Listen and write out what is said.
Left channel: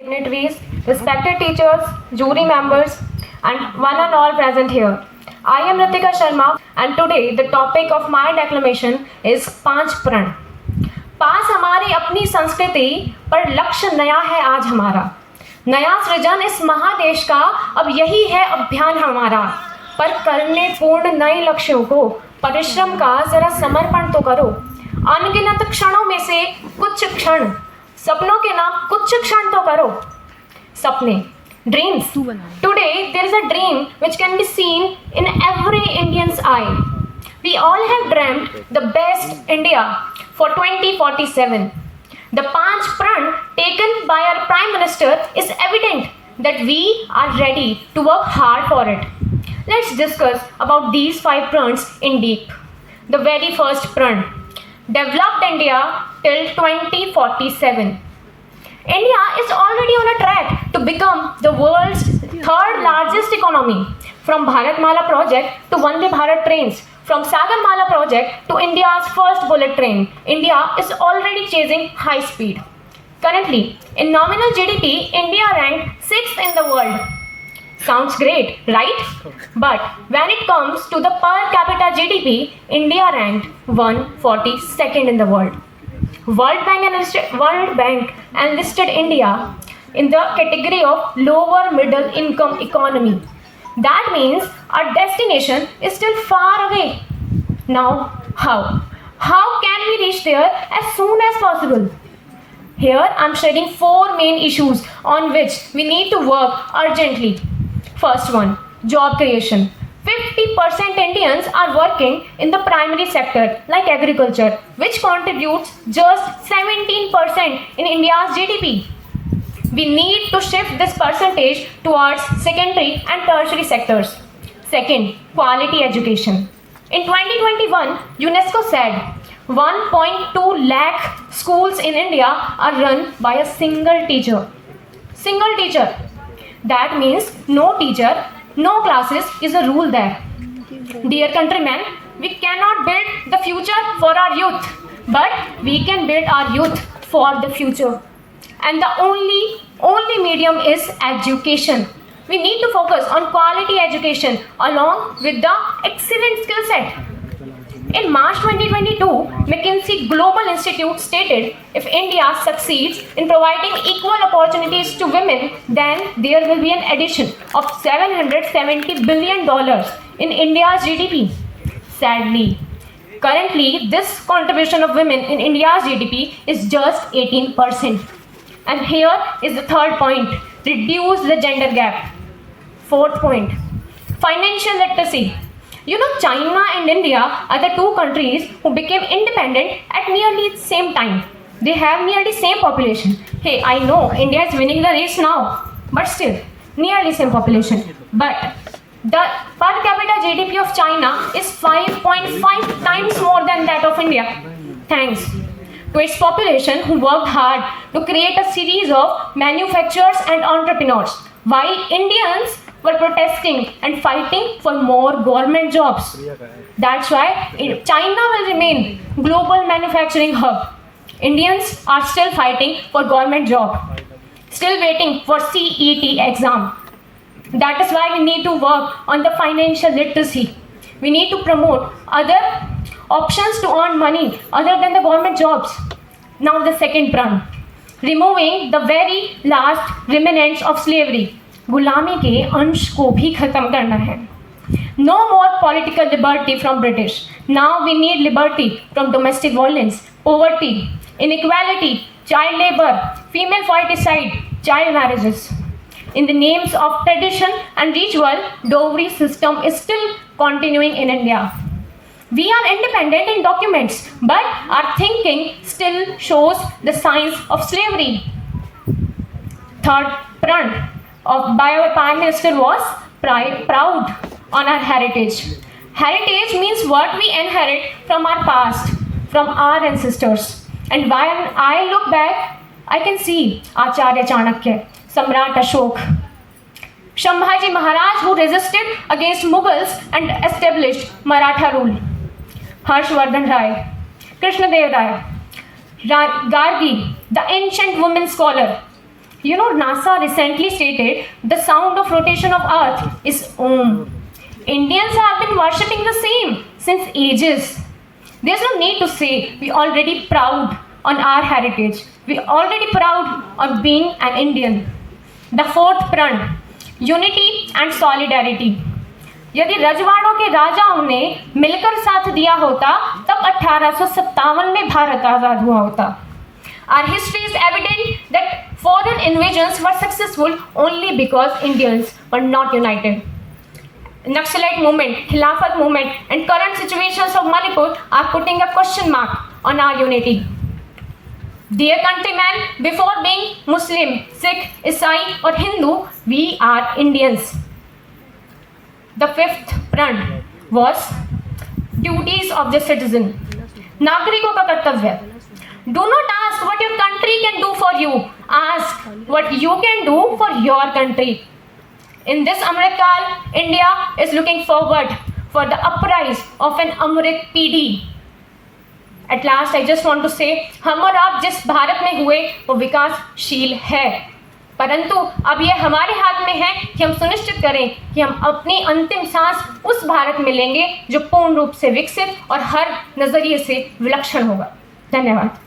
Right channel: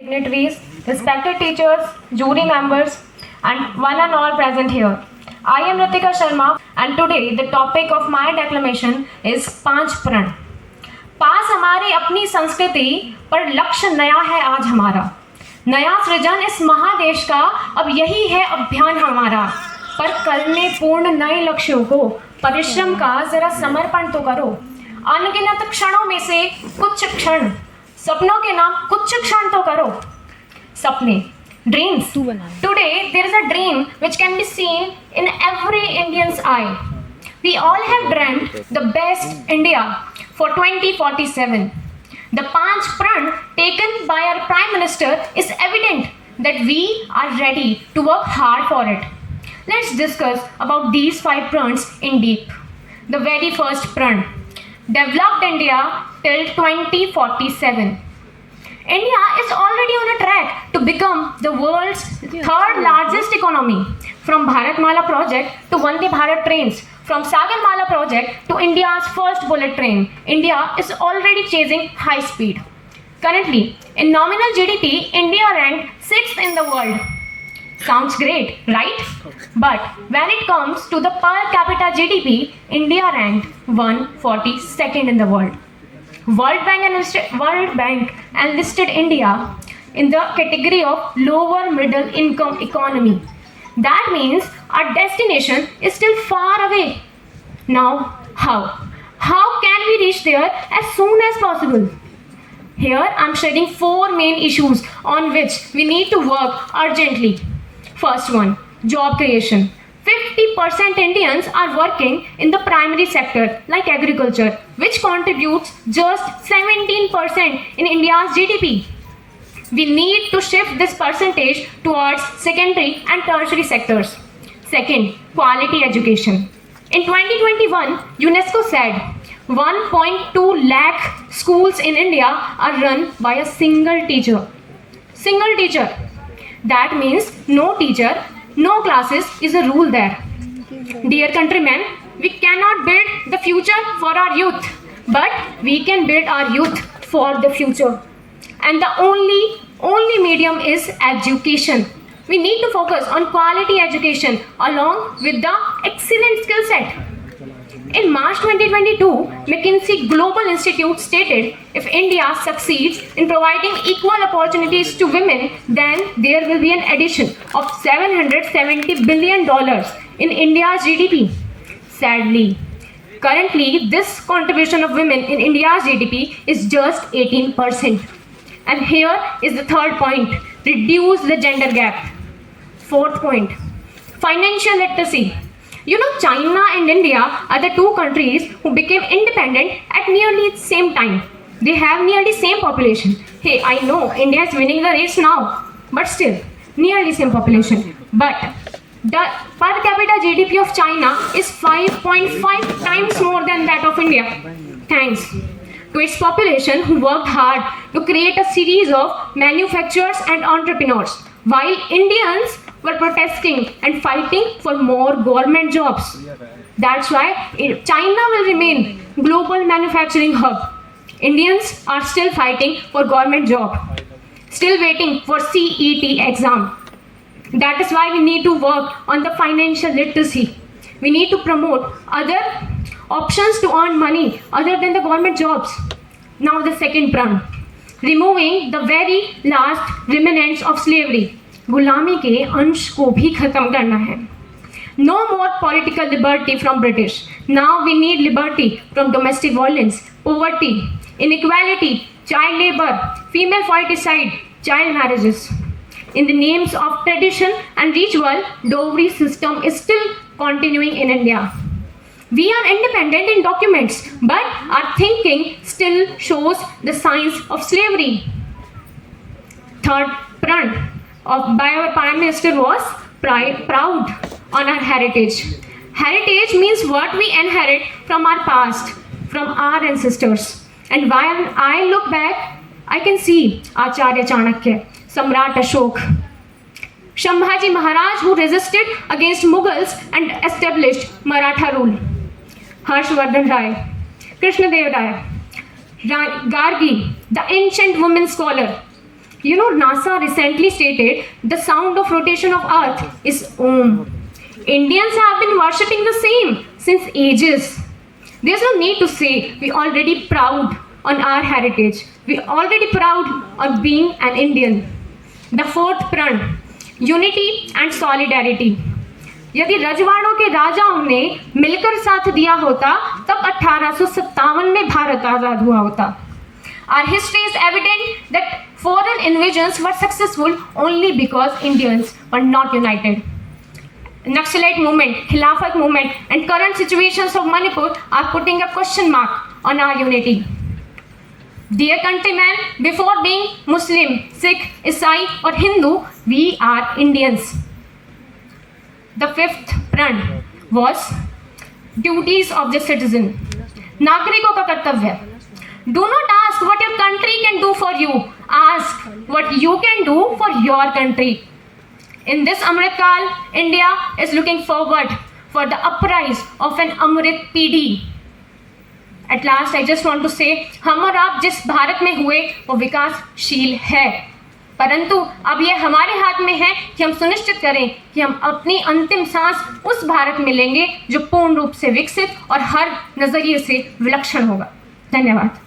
dignitaries, respected teachers, jury members, and one and all present here. I am Ritika Sharma, and today the topic of my declamation is पांच प्रण. पास हमारी अपनी संस्कृति पर लक्ष्य नया है आज हमारा. नया सृजन इस महादेश का अब यही है अभियान हमारा. पर करने पूर्ण नए लक्ष्यों को परिश्रम का जरा समर्पण तो करो. अनगिनत क्षणों में से कुछ क्षण सपनों के नाम कुछ क्षण तो करो. सपने, dreams. Today there is a dream which can be seen in every Indian's eye. We all have dreamt the best India for 2047. The Panch Pran taken by our Prime Minister is evident that we are ready to work hard for it. Let's discuss about these 5 prans in deep. The very first pran, developed India till 2047. India is already on a track to become the world's third largest economy. From Bharatmala project to Vande Bharat trains, from Sagarmala project to India's first bullet train, India is already chasing high speed. Currently, in nominal GDP, India ranked 6th in the world. Sounds great, right? But when it comes to the per capita GDP, India ranked 142nd in the world. World Bank enlisted India in the category of lower middle income economy. That means our destination is still far away. Now, how? How can we reach there as soon as possible? Here I am sharing 4 main issues on which we need to work urgently. First one, job creation. 50% Indians are working in the primary sector like agriculture, which contributes just 17% in India's GDP. We need to shift this percentage towards secondary and tertiary sectors. Second, quality education. In 2021, UNESCO said 1.2 lakh schools in India are run by a single teacher. Single teacher. That means no teacher, no classes is a rule there. Dear countrymen, we cannot build the future for our youth, but we can build our youth for the future. And the only medium is education. We need to focus on quality education along with the excellent skill set. In March 2022, McKinsey Global Institute stated if India succeeds in providing equal opportunities to women, then there will be an addition of $770 billion in India's GDP. Sadly, currently this contribution of women in India's GDP is just 18%. And here is the third point, reduce the gender gap. Fourth point, financial literacy. You know, China and India are the 2 countries who became independent at nearly the same time. They have nearly same population. Hey, I know India is winning the race now, but still, nearly same population. But the per capita GDP of China is 5.5 times more than that of India. Thanks to its population who worked hard to create a series of manufacturers and entrepreneurs, while Indians were protesting and fighting for more government jobs. That's why China will remain global manufacturing hub. Indians are still fighting for government job, still waiting for CET exam. That is why we need to work on the financial literacy. We need to promote other options to earn money other than the government jobs. Now the second pran, removing the very last remnants of slavery. गुलामी के अंश को भी खत्म करना है. No more political liberty from British. Now we need liberty from domestic violence, poverty, inequality, child labor, female foeticide, child marriages. In the names of tradition and ritual, dowry system is still continuing in India. We are independent in documents, but our thinking still shows the signs of slavery. Third pran by our Prime Minister was proud on our heritage. Heritage means what we inherit from our past, from our ancestors. And while I look back, I can see Acharya Chanakya, Samrat Ashok, Shambhaji Maharaj who resisted against Mughals and established Maratha rule, Harshvardhan Rai, Krishnadev Rai, Gargi, the ancient women scholar, You know, NASA recently stated the sound of rotation of Earth is Om. Indians have been worshipping the same since ages. There's no need to say we already proud on our heritage. We already proud of being an Indian. The fourth pran, unity and solidarity. यदि रजवाड़ों के राजाओं ने मिलकर साथ दिया होता तब 1857 में भारत आजाद हुआ होता. Our history is evident that foreign invasions were successful only because Indians were not united. Naxalite movement, Khilafat movement, and current situations of Manipur are putting a question mark on our unity. Dear countrymen, before being Muslim, Sikh, Isai, or Hindu, we are Indians. The fifth pran was duties of the citizen. नागरिकों का कर्तव्य. Do not ask what your country can do for you. Ask what you can do for your country. In this Amrit Kal, India is looking forward for the uprise of an Amrit PD. At last, I just want to say, हम और आप जिस भारत में हुए वो विकासशील है, परंतु अब ये हमारे हाथ में है कि हम सुनिश्चित करें कि हम अपनी अंतिम सांस उस भारत में लेंगे जो पूर्ण रूप से विकसित और हर नजरिए से विलक्षण होगा. धन्यवाद.